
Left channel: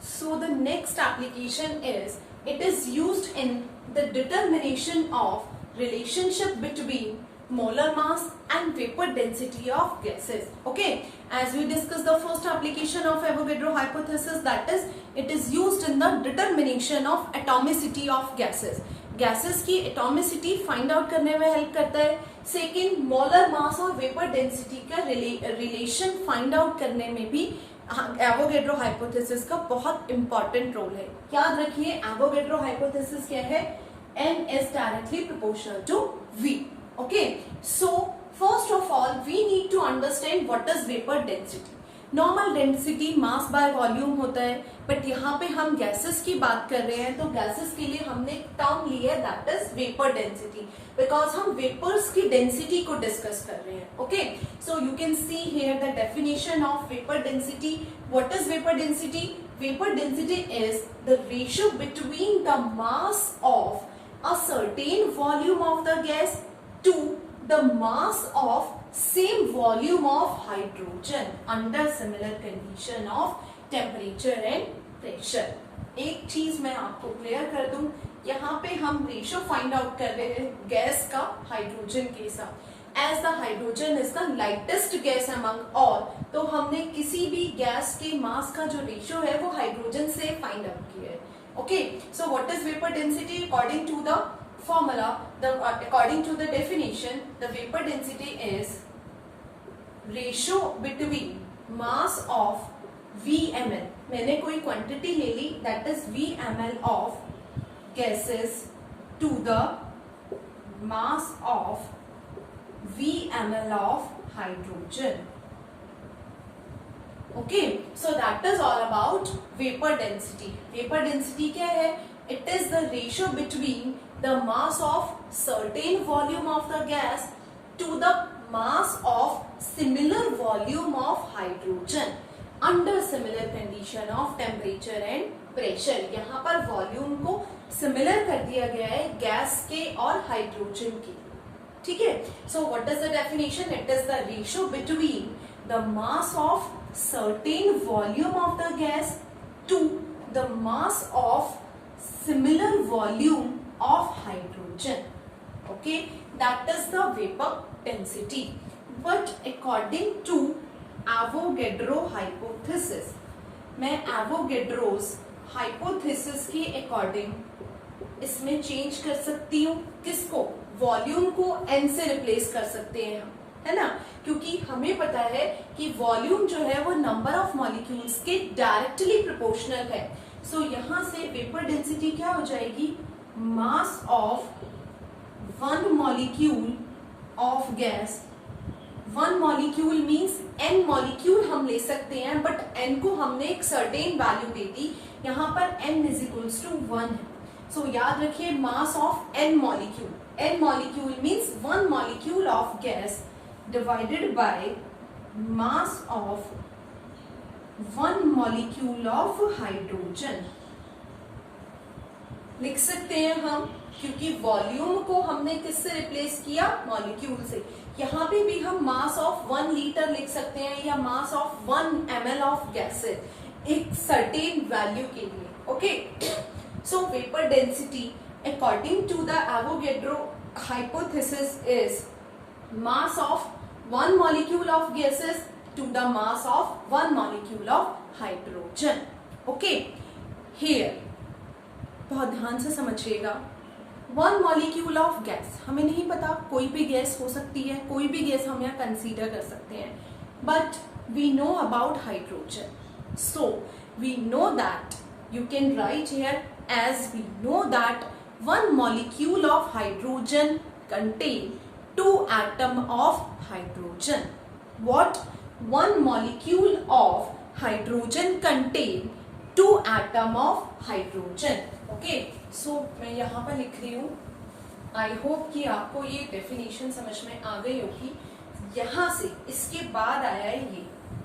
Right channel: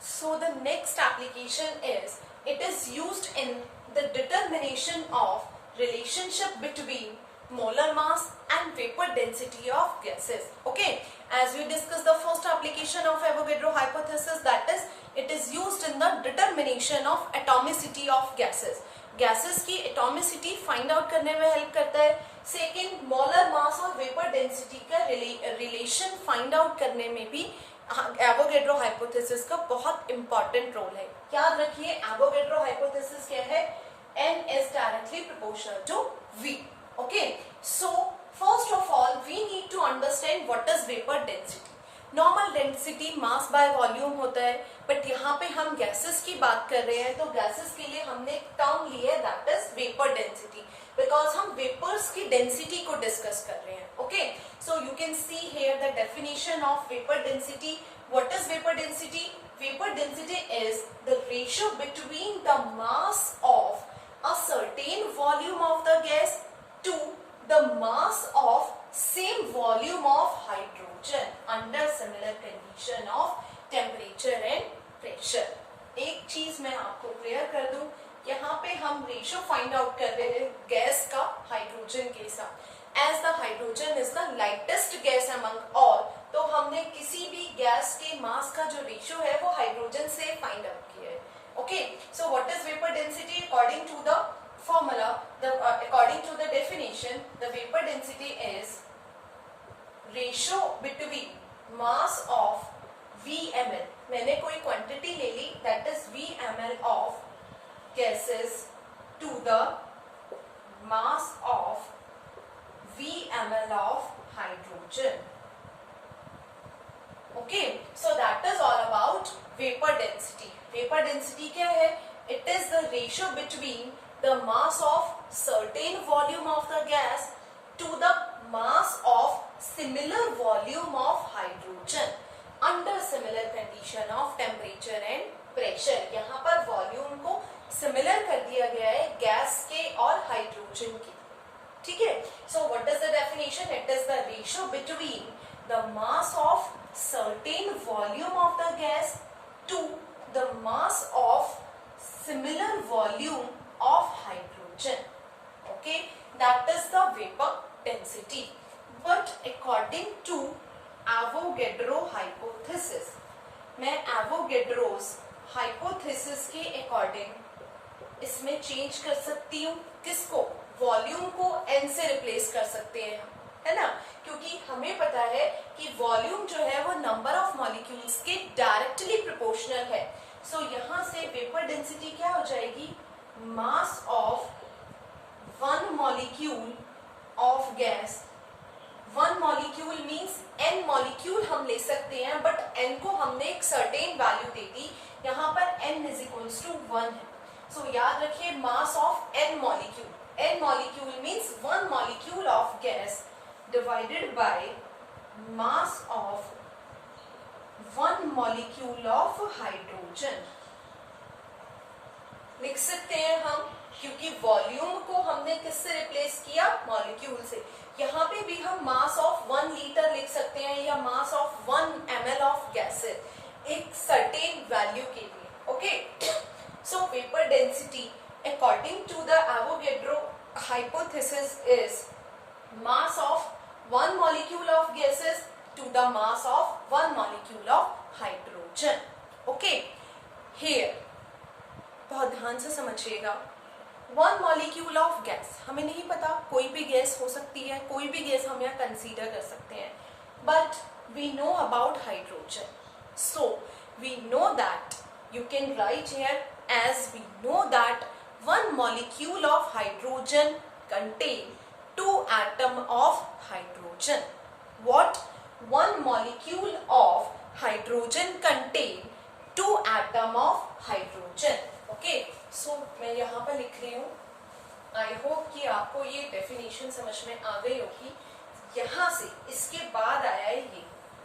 so the next application is, it is used in the determination of relationship between molar mass and vapor density of gases. Okay, as we discussed the first application of Avogadro hypothesis, that is it is used in the determination of atomicity of gases. Gases की atomicity find out करने में help करता है. Second, molar mass और vapor density का relation find out करने में भी Avogadro hypothesis का बहुत important role है. याद रखिए Avogadro hypothesis क्या है, N is directly proportional to V. Okay, so first of all we need to understand what is vapor density. Normal density mass by volume होता है, बट यहाँ पे हम गैसेस की बात कर रहे हैं तो गैसेस के लिए हमने एक टर्म ली है, that is vapour density, because हम वेपर्स की डेंसिटी को डिस्कस कर रहे हैं. Okay, so you can see here the definition of vapour density. What is vapour density? Vapour density is the ratio between the mass of a certain volume of the gas to the mass of same volume of hydrogen under similar condition of temperature and pressure. एक चीज मैं आपको क्लियर कर दूं, यहाँ पे हम ratio find out कर रहे हैं गैस का हाइड्रोजन के साथ. As the hydrogen is the lightest gas among all, तो हमने किसी भी गैस के मास का जो रेशियो है वो हाइड्रोजन से फाइंड आउट किया है. Okay, so what is vapor density? According to the formula, according to the definition, the vapor density is ratio between mass of Vml. मैंने कोई quantity ले ली, that is Vml of gases to the mass of Vml of hydrogen. Okay, so that is all about vapor density. Vapor density क्या है? It is the ratio between the mass of certain volume of the gas to the mass of similar volume of hydrogen under similar condition of temperature and pressure. यहाँ पर volume को similar कर दिया गया है गैस के और हाइड्रोजन के. ठीक है, so what is the definition? It is the ratio between the mass of certain volume of the gas to the mass of similar volume of hydrogen. Okay, that is the vapor density. But according to Avogadro hypothesis, मैं Avogadro's hypothesis के according इसमें चेंज कर सकती हूँ. किसको? वॉल्यूम को n से रिप्लेस कर सकते हैं हम, है ना, क्योंकि हमें पता है कि वॉल्यूम जो है वो नंबर ऑफ मॉलिक्यूल्स के डायरेक्टली प्रोपोर्शनल है. सो यहाँ से वेपर डेंसिटी क्या हो जाएगी? Mass of one molecule of gas. One molecule means n molecule हम ले सकते हैं, बट n को हमने एक सर्टेन वैल्यू दे दी. यहाँ पर n इज इक्वल्स टू 1 है. सो याद रखिए mass of n molecule. n molecule means one molecule of gas divided by mass of 1 molecule of hydrogen. लिख सकते हैं हम, क्योंकि वॉल्यूम को हमने किससे रिप्लेस किया, मॉलिक्यूल से। यहाँ पे भी हम मास ऑफ 1 लीटर लिख सकते हैं या mass of 1 ml of gases एक सर्टेन वैल्यू के लिए। Okay, so vapour density according to the Avogadro hypothesis is mass of 1 molecule of gases to the mass of 1 molecule of hydrogen. Okay, here बहुत ध्यान से समझिएगा, 1 molecule of gas हमें नहीं पता, कोई भी गैस हो सकती है, कोई भी गैस हम यहाँ कंसीडर कर सकते हैं, but we know about hydrogen, so we know that you can write here as we know that 1 molecule of hydrogen contain 2 atom of hydrogen. What? 1 molecule of hydrogen contain 2 atom of hydrogen. Okay, so मैं यहाँ पर लिख रही हूँ। I hope कि आपको ये definition समझ में आ गई होगी। यहाँ से इसके बाद आया है ये,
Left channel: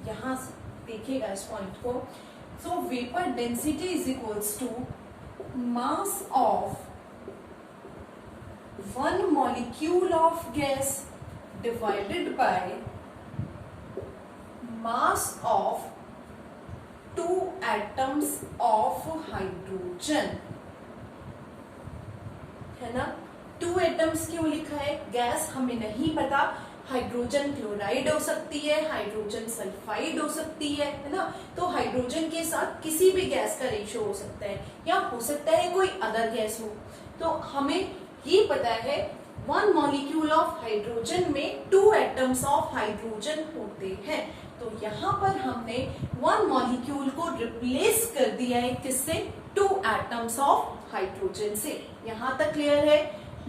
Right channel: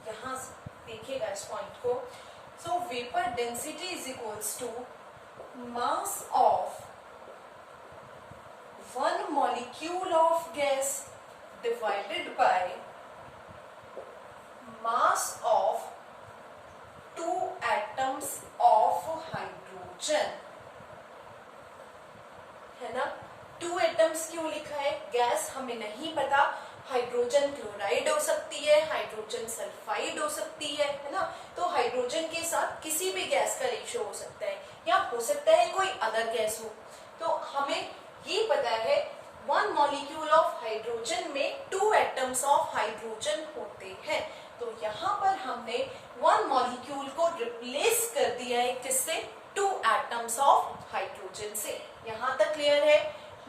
यहाँ से देखिएगा इस पॉइंट को। So vapor density is equals to mass of 1 molecule of gas divided by mass of 2 atoms of hydrogen, है ना। 2 एटम्स क्यों लिखा है, गैस हमें नहीं पता, हाइड्रोजन क्लोराइड हो सकती है, हाइड्रोजन सल्फाइड हो सकती है ना। तो हाइड्रोजन के साथ किसी भी गैस का रेशियो हो सकता है, या हो सकता है कोई अदर गैस हो। तो हमें ये पता है 1 मॉलिक्यूल ऑफ हाइड्रोजन में 2 एटम्स ऑफ हाइड्रोजन होते हैं। तो यहाँ पर हमने 1 मॉलिक्यूल को रिप्लेस कर दिया है किससे, 2 एटम्स ऑफ हाइड्रोजन से। यहाँ तक क्लियर है।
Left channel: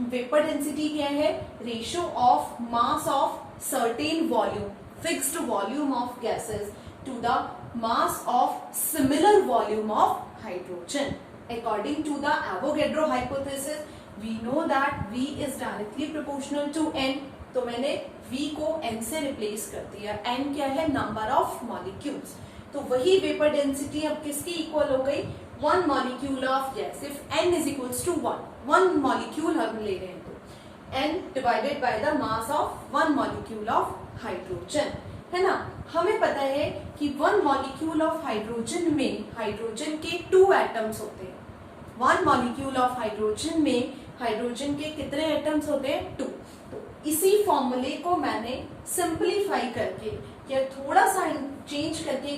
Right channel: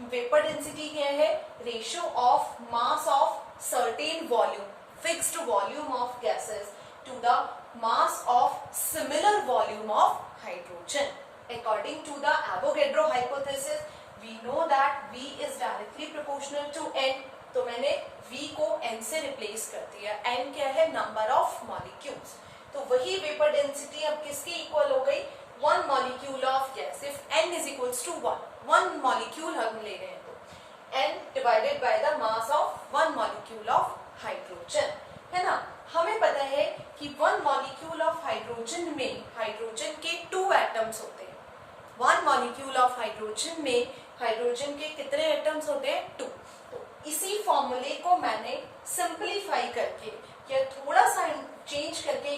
वेपर डेंसिटी क्या है, ratio of mass of certain volume, fixed volume of gases to the mass of similar volume of hydrogen. According to the Avogadro hypothesis we know that V is directly proportional to N, तो मैंने V को N से रिप्लेस कर दिया। N क्या है, number of molecules. तो वही वेपर डेंसिटी अब किसकी इक्वल हो गई, 1 molecule of gas. If N is equals to 1 मॉलिक्यूल हम ले रहे हैं तो N divided by the mass of 1 molecule of hydrogen, है ना। हमें पता है कि 1 मॉलिक्यूल ऑफ हाइड्रोजन में हाइड्रोजन के 2 एटम्स होते हैं। 1 मॉलिक्यूल ऑफ हाइड्रोजन में हाइड्रोजन के कितने एटम्स होते हैं, 2। तो इसी फॉर्मूले को मैंने सिंपलीफाई करके या थोड़ा सा चेंज करके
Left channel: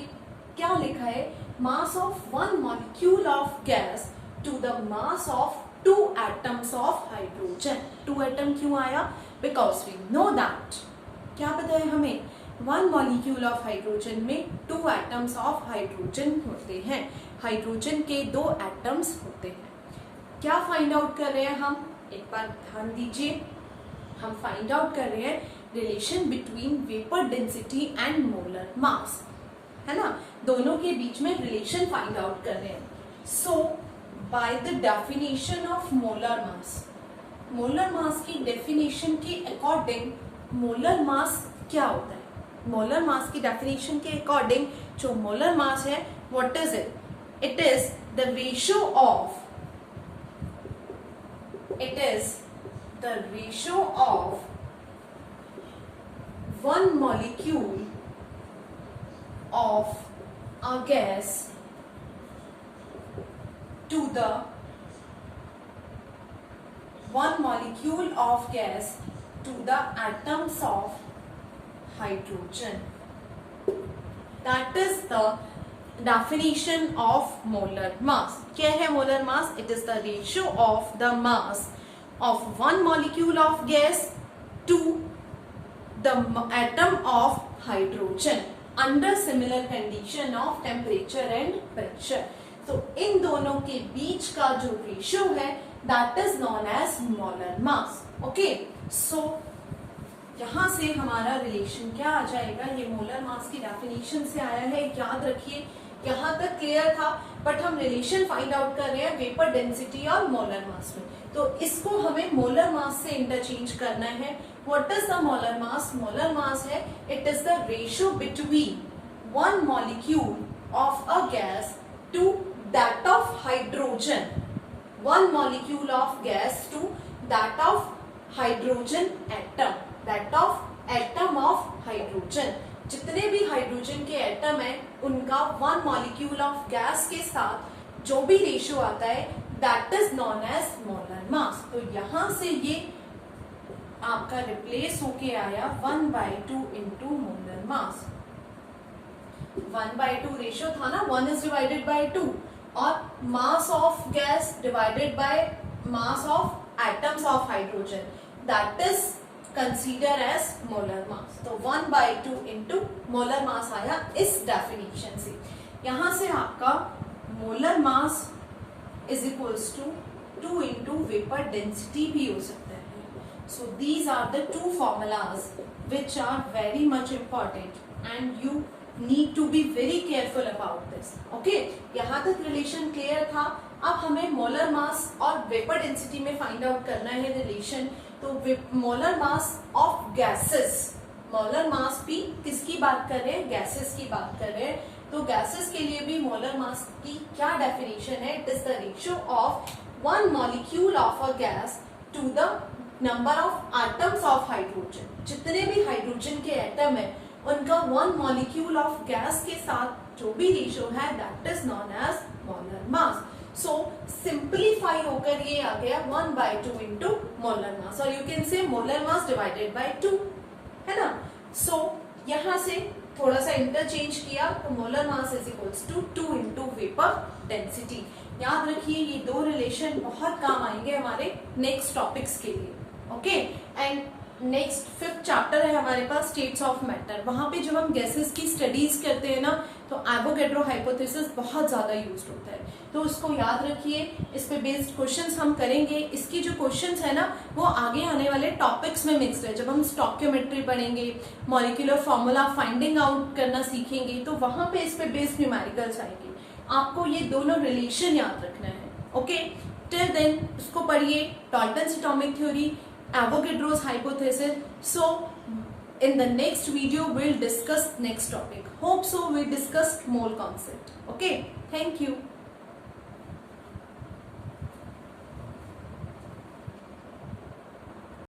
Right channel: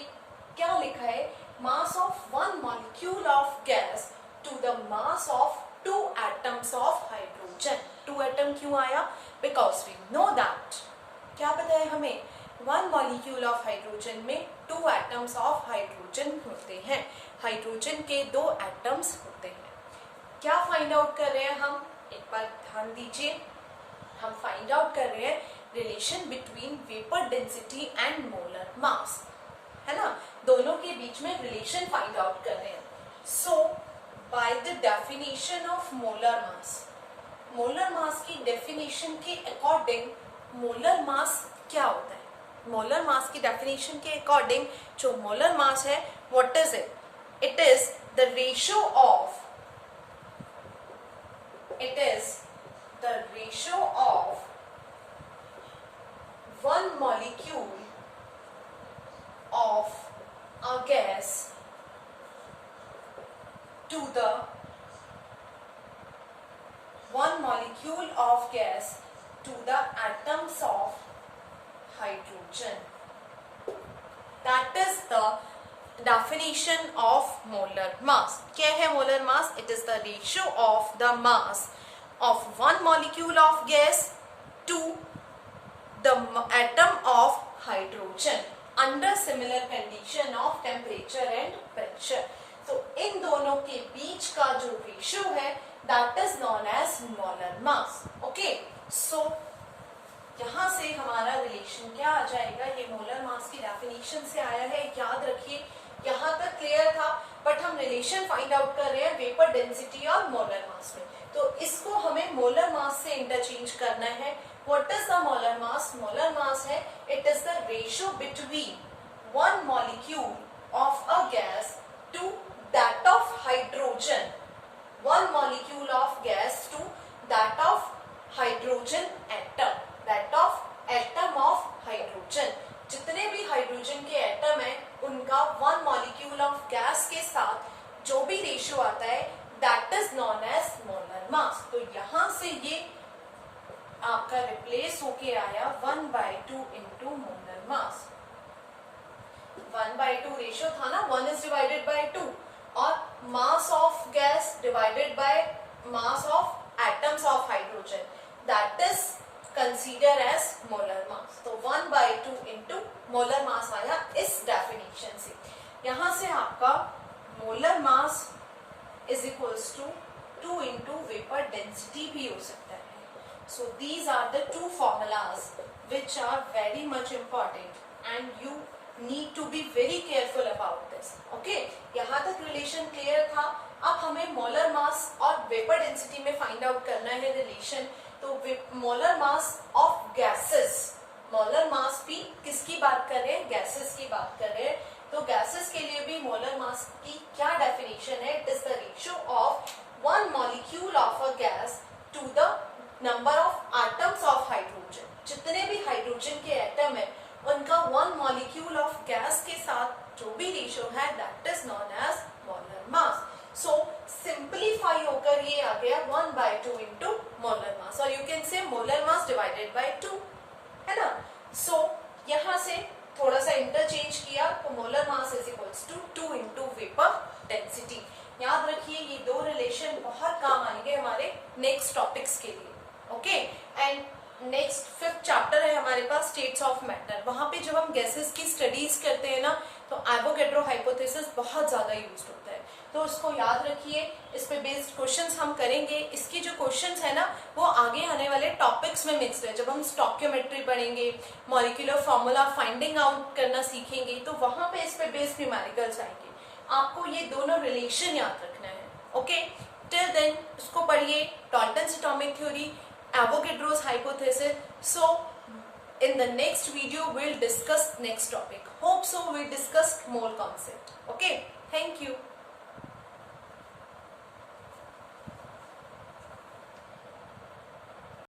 क्या लिखा है, mass of 1 molecule of gas to the mass of 2 atoms of hydrogen. 2 atom क्यों आया, बिकॉज वी नो दैट, क्या पता है हमें, 1 मॉलिक्यूल ऑफ हाइड्रोजन में 2 एटम्स ऑफ हाइड्रोजन होते हैं। हाइड्रोजन के 2 एटम्स होते हैं। क्या फाइंड आउट कर रहे हैं हम, एक बार ध्यान दीजिए, हम फाइंड आउट कर रहे हैं relation between vapour density and molar mass, है ना। दोनों के बीच में रिलेशन फाइंड आउट कर रहे हैं। So by the definition of molar mass की डेफिनेशन के अकॉर्डिंग मोलर मास क्या होता है, मोलर मास की डेफिनेशन के अकॉर्डिंग जो मोलर मास है, what is it, it is the ratio of one molecule of a gas to the 1 molecule of gas to the atoms of hydrogen. That is the definition of molar mass. क्या है molar mass? It is the ratio of the mass of 1 molecule of gas to the atom of hydrogen under similar condition of temperature and pressure. तो इन दोनों के बीच का जो रेशियो है, that is known as molar mass. Okay, so यहाँ से हमारा रिलेशन क्या आ जाएगा, ये मोलर मास की डेफिनेशन से आया है, याद रखिए। यहाँ तक क्लियर था, बट हम रिलेशन फाइंड आउट कर रहे हैं वेपर डेंसिटी और मोलर मास में, तो इसको हमें मोलर मास से इंटरचेंज करना है। What is the molar mass? Molar mass है, it is the ratio between 1 molecule of a gas to that of hydrogen. One molecule of gas to that of hydrogen atom. That of atom of hydrogen. जितने भी हाइड्रोजन के एटम है उनका one molecule of gas के साथ जो भी ratio आता है that is known as molar mass. तो यहां से ये आपका रिप्लेस होके आया 1/2 इंटू मोलर मास. 1/2 रेशियो था ना, 1 इज डिवाइडेड बाय 2 और mass of gas divided by mass of atoms of hydrogen that is consider as molar mass. तो 1/2 इंटू मोलर मास आया इस डेफिनेशन से. यहां से आपका molar mass is equals to 2 into vapour density भी हो सकता है. So these are the two formulas which are very much important and you need to be very careful about this. Okay? यहाँ तक रिलेशन क्लियर था. अब हमें molar mass और वेपर डेंसिटी में फाइंड आउट करना है रिलेशन. तो molar mass of gases, molar mass भी किसकी बात कर रहे हैं? गैसेस की बात कर रहे हैं. तो गैसेस के लिए भी मोलर मास की क्या डेफिनेशन है? It is the ratio of one molecule of a gas to the number of atoms of hydrogen. जितने भी हाइड्रोजन के एटम है उनका वन मॉलिक्यूल ऑफ गैस के साथ जो भी रेशियो है that is known as molar mass. So simplify होकर ये आ गया 1/2 इंटू मोलर मास और you can say molar mass divided by 2, है ना. सो यहां से थोड़ा सा इंटरचेंज किया तो molar mass is equals to 2 into vapour density. याद रखिए ये दो रिलेशन बहुत काम आएंगे हमारे नेक्स्ट टॉपिक्स के लिए. Okay and next 5th chapter है हमारे पास स्टेट्स ऑफ मैटर. वहां पे जब हम गैसेस की स्टडीज करते हैं ना तो एवोगैड्रो हाइपोथेसिस बहुत ज्यादा यूज होता है. तो इसको याद रखिए. इस पे बेस्ड क्वेश्चंस हम करेंगे. इसके जो क्वेश्चंस है ना वो आगे आने वाले टॉपिक्स में मिक्स है. जब हम स्टॉकियोमेट्री पढ़ेंगे, मॉलिक्यूलर फॉर्मूला फाइंडिंग आउट करना सीखेंगे तो वहां पे इस पे बेस्ड न्यूमेरिकल्स आएंगे. आपको ये दोनों रिलेशन याद रखना है. ओके टिल देन उसको पढ़िए. Dalton's atomic theory, Avogadro's hypothesis. So in the next video we'll discuss next topic. Hope so we discussed mole concept. Okay, thank you.